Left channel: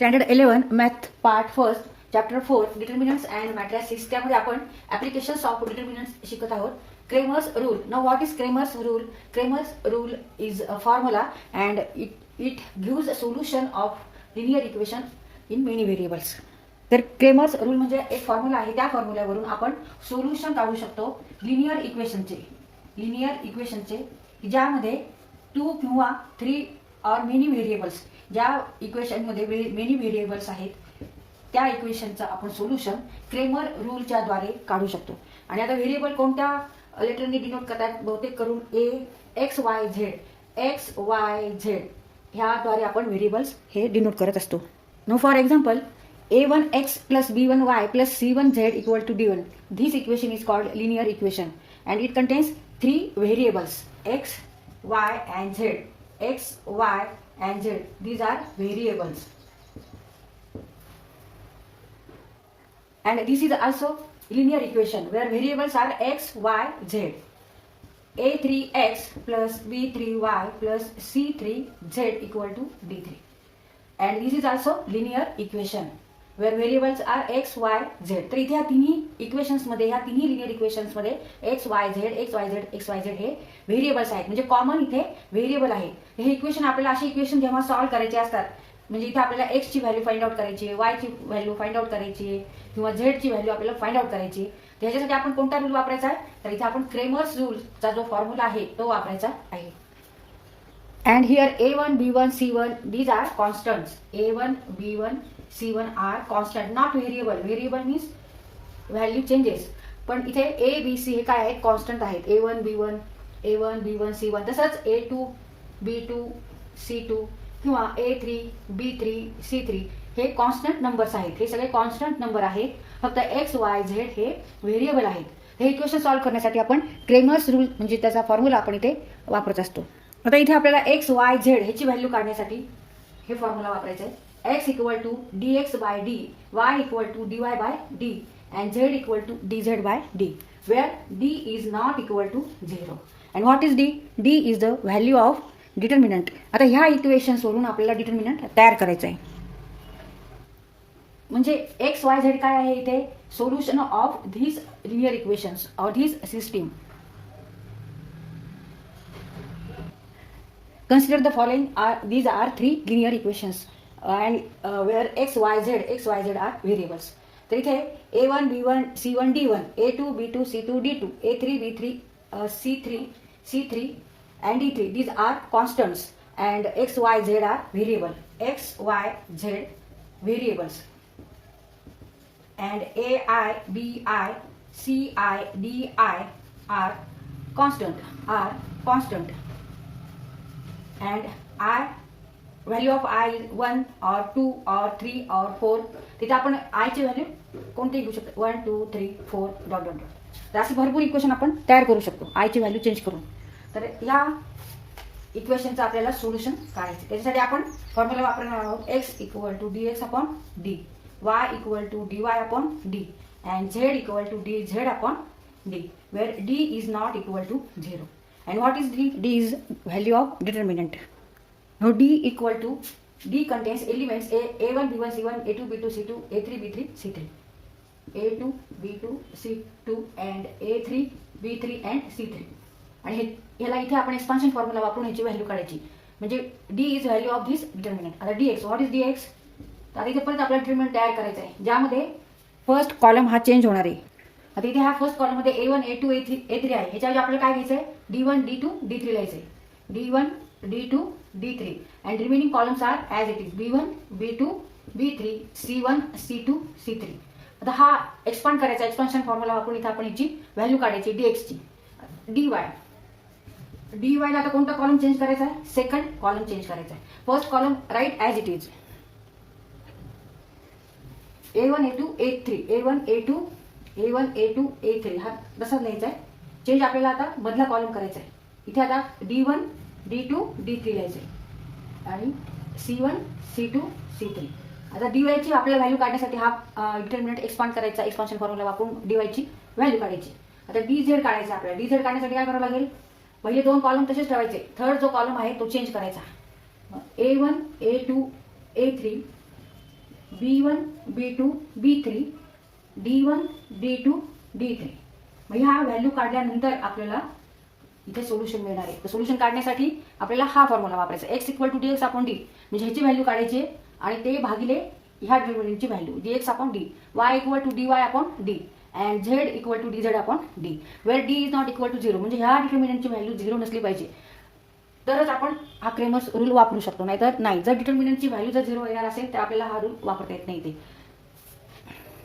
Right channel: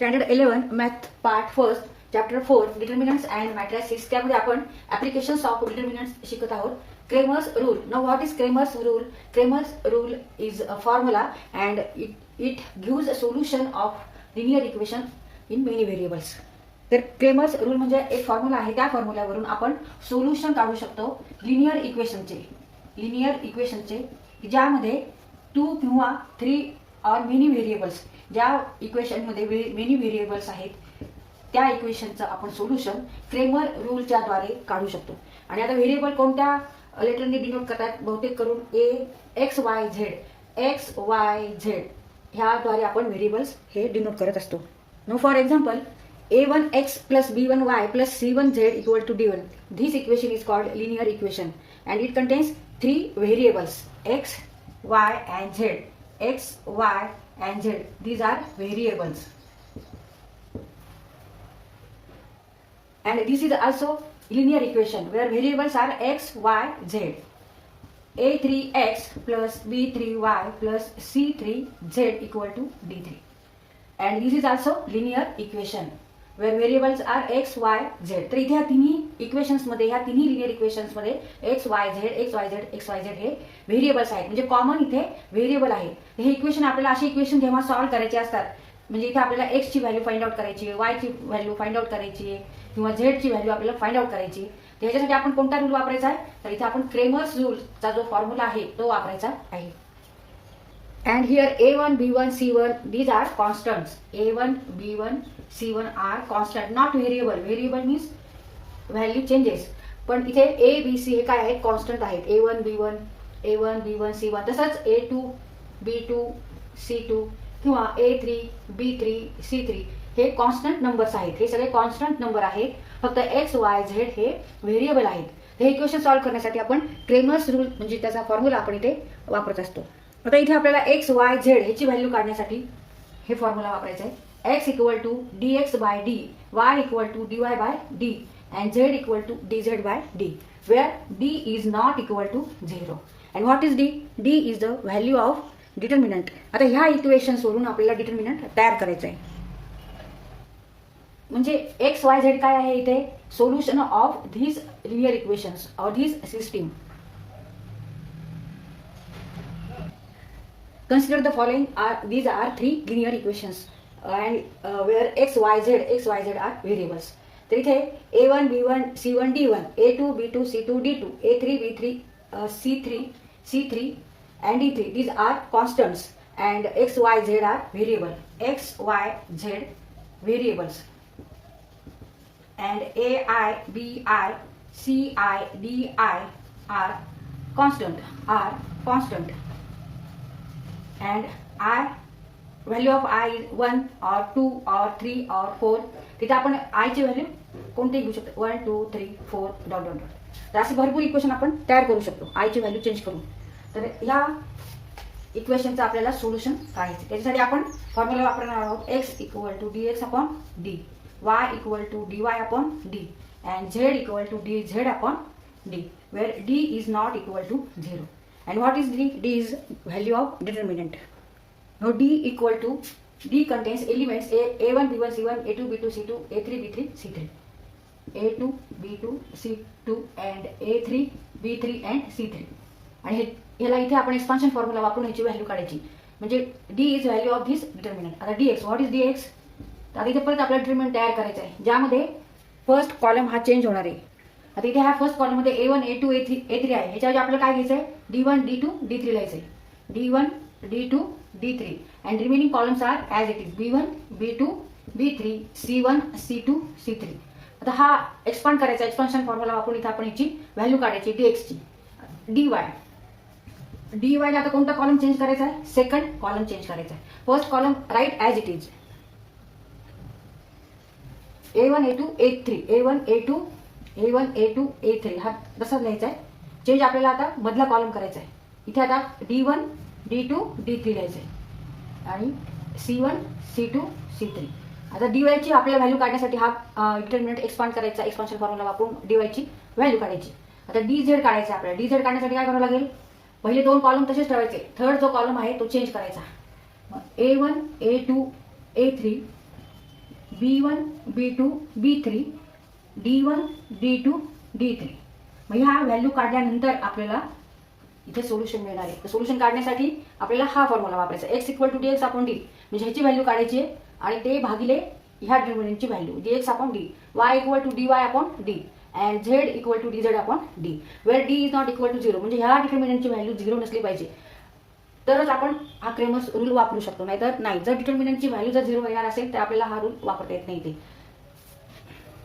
Standard 11 math part first chapter 4 determinants and matrices त्यामध्ये आपण applications of determinants शिकत आहोत. Cramer's rule. Now what is Cramer's rule? Cramer's rule is a formula and it gives a solution of linear equation in many variables. तर Cramer's rule म्हणजे एक formula आहे, त्या फॉर्म्युल्यावरून आपण सोल्युशन काढू शकतो लिनियर इक्वेशनचे ज्यामध्ये 2 किंवा 3 ऑर मेनी व्हेरिएबल्स, ज्या इक्वेशनमध्ये मेनी व्हेरिएबल्स आहेत त्या इक्वेशनचं आपण सोल्युशन क्रेमर रूलच्या द्वारे काढू शकतो. आणि आता व्हेरिएबल कोणत्या लेटरने डिनोट करतात? बहुतेक करून एक्स वाय झेड ह्याद्वारे आपण व्हेरिएबल्स हे डिनोट करत असतो. Now for example a1x plus b1y plus c1z equal to d1. This equation is called linear equation and it contains 3 variables x, y and z. X, y and z. These are variables. And this is also linear equation where variables are x, y, z. a3x plus b3y plus c3z equal to d3. And this is also linear equation where variables are x, y, z. तर इथे ह्या तिन्ही equations मध्ये, ह्या तिन्ही linear equations मध्ये x, y, z हे variables आहेत. म्हणजे कॉमन इथे व्हेरिएबल आहे. हे इक्वेशन आपल्याला असे इक्वेशन जेव्हा सॉल्व्ह करायचे असतात, म्हणजे इथे आपल्याला x ची व्हॅल्यू फाइंड आउट करायची आहे, y ची व्हॅल्यू फाइंड आउट करायची आहे किंवा z ची व्हॅल्यू आपल्याला फाइंड आउट करायची. त्याच्यासाठी आपण कोणता रूल वापरायचा आहे? तर इथे आपण क्रेमर्स रूलचा जो फॉर्म्युला आहे तो वापरायचा आहे. And here a1, b1, c1 these are constants. a1, b1, c1 are constant, not variable. Variable means value changes. पण इथे a, b, c हे काय आहेत? कॉन्स्टंट आहेत. a1, b1, c1 तसंच a2, b2, c2 किंवा a3, b3, c3 हे constant numbers आहेत. हे सगळे कॉन्स्टंट नंबर आहेत. फक्त x, y, z हे व्हेरिएबल आहेत. हे इक्वेशन सॉल्व्ह करण्यासाठी आपण क्रेमर्स रूल म्हणजे त्याचा फॉर्म्युला आपण इथे वापरत असतो. आता इथे आपल्याला एक्स वाय झेड ह्याची व्हॅल्यू काढण्यासाठी हे फॉर्म्युला वापरायचा आहे. X equal to dx by D, Y equal to dy by D and Z equal to dz by D, where D is not equal to 0. And what is D? D is the value of determinant. आता ह्या equations वरून आपल्याला determinant तयार करायचं आहे. म्हणजे x Y Z काय आहे? इथे solution of धीज linear equations or धीज system. Consider the following these are 3 linear equations and where x, y, z are variables. तर इथे a1, b1, c1, d1, a2, b2, c2, d2, a3, b3, c3 and d3. These are constants and x, y, z are variable. X, y, z variables. And ai, bi, ci, di are constant. And I value of I is 1 or 2 or 3 or 4. तिथे आपण I ची value कोणती घेऊ शकतो? 1 2 3 4 dot dot dot. तर अशी भरपूर equation आपण तयार करू शकतो I ची व्हॅल्यू चेंज करून. तर या इक्वेशनचं आपल्याला सोल्युशन काढायचं. त्याच्यासाठी आपण फॉर्म्युला वापरणार आहोत. x equal to dx upon D, y equal to dy upon D and z equal to dz upon D, where d is not equal to 0. And what is D? D is value of determinant. Now D equal to, D contains elements A1, B1, C1, A2, B2, C2, A3, B3, C3. A2, B2, C2 and A3, B3 and C3. आणि ह्याला इथे आपण expansion formula वापरून ह्याची value काढायची. म्हणजे D is value of this determinant. आता dx, what is dx? आता इथे परत आपल्याला डिटर्मिनंट तयार करायचा आहे, ज्यामध्ये फर्स्ट कॉलम हा चेंज होणार आहे. आता इथे ह्या फर्स्ट कॉलम मध्ये a1, a2, a3 आहे. ह्याच्यावर आपल्याला काय घ्यायचंय? d1, d2, d3 लिहायचंय. d1, d2, d3 and remaining columns are as it is b1, b2, b3, c1, c2, c3. आता हा एक्सपांड करायचा. एक्सपान्शन फॉर्म्युला वापरून इथे आपण ह्याची व्हॅल्यू काढायची dx ची. dy ला आता कोणता कॉलम चेंज करायचा आहे? सेकंड कॉलम चेंज करायचा आहे. First column write as it is. a1, a2, a3, a1, a2, a3 हा तसाच लिहायचा आहे. चेंज आपल्याला आता मधला कॉलम करायचा आहे. इथे आता d1, d2, d3 लिहायचं आहे आणि c1, c2, c3. आता dy ची आपल्याला व्हॅल्यू काढण्यासाठी हा डिटर्मिनंट एक्सपांड करायचा. एक्सपान्शन फॉर्म्युला वापरून dy ची व्हॅल्यू काढायची. आता dz काढायचा आपल्याला. dz काढण्यासाठी काय करावं लागेल? पहिले 2 कॉलम तसेच ठेवायचे. थर्ड जो कॉलम आहे तो चेंज करायचा. a1, a2, a3 B1 B2 B3 D1 D2 D3. मग ह्या व्हॅल्यू काढल्यानंतर आपल्याला इथे सोल्युशन मिळणार आहे. सोल्युशन काढण्यासाठी आपल्याला हा फॉर्म्युला वापरायचा, x equal to dx upon D, म्हणजे ह्याची व्हॅल्यू काढायची आहे आणि ते भागिले ह्या डिटर्मिनंटची value dx upon D, y equal to dy upon D and z equal to dz upon D, where d is not equal to 0. म्हणजे ह्या डिटर्मिनंटची व्हॅल्यू 0 नसली पाहिजे तरच आपण हा क्रेमर्स रूल वापरू शकतो, नाहीतर नाही. जर डिटर्मिनंटची व्हॅल्यू जर 0 येणार असेल तर आपल्याला हा रूल वापरता येत नाही. ते